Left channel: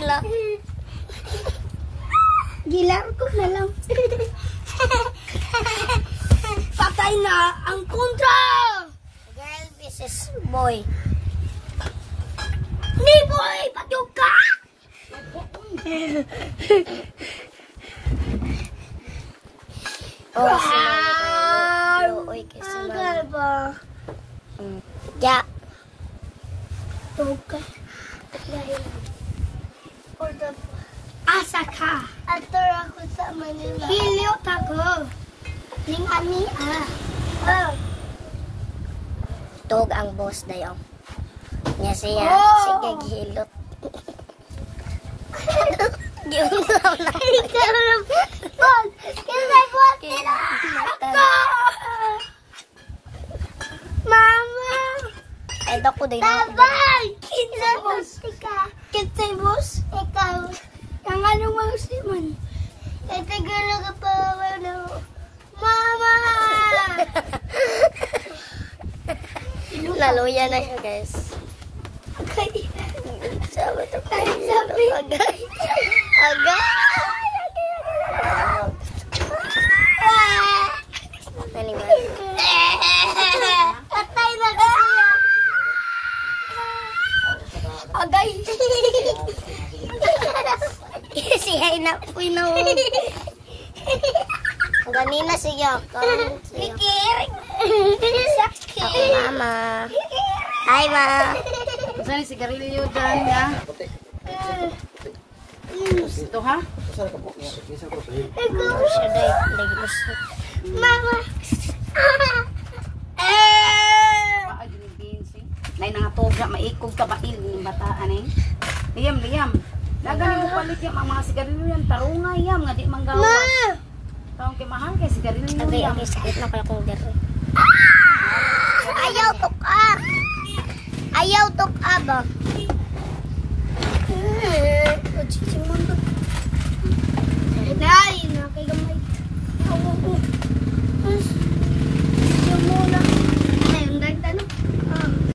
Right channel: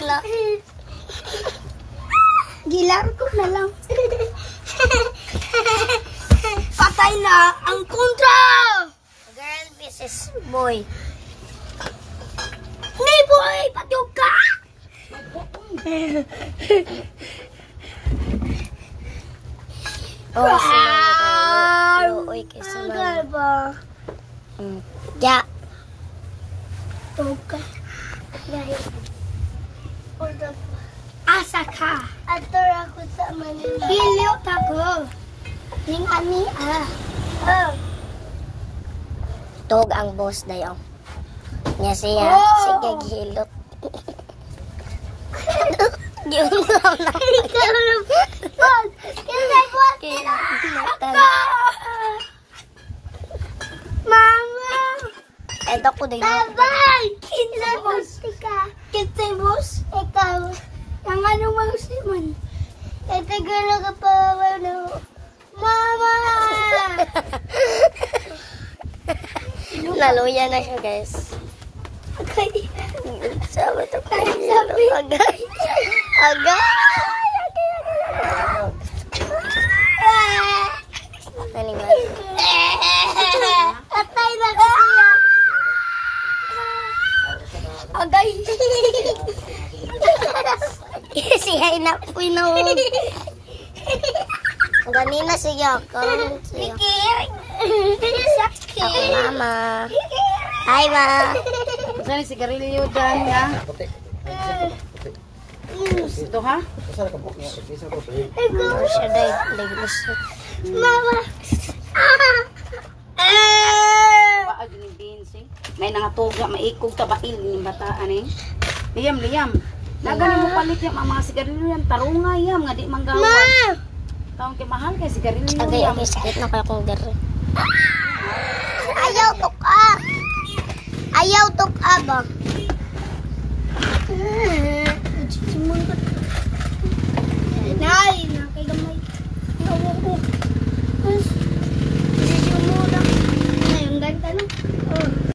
sila. Gilar ko na lang. Patay na ang kontra! Girl versus boy. Hindi boy! Patog ka! Oh, sila na tayo. Luoy kay sila. ba? Ya. Patog ka. Asa ka? Ator ako sa Manila. Hilyo ka ko. Ning ani Tog ang boss dayo. Nya siya. Oh. Sige, gihilot. Gihilot lang. Kinsay bot nila? Mama! Ay, dako din. Tabay! Kinsay boss ka? Kinsay boss? Ikaw. Ang anong mausiman? Ay, tagala ka pa. Mama! Laluya na siya, guys. Okay. Sabi ito kayo. Agay. Agay. Anyway. Patay na ka siya. Agay. Si Haina po na. Ganina siya. Ako, mama. Hi, ma. Saan si Garilio dyan niya? Ito ha? Ano siya dahil naglusot. Mama. Baag ni Binsing. Nay nangatog na maikog tabail ni bataan eh. Liyam. Nagani mo palit yung mga sigarilyo yan. Tarunga yam nga di manggawas. Taong kay mahal kay sigarilyo Okay, yan. okay. Sakit na kaya kong dere. Ayaw tuka. Ayaw tuka ba? Nay.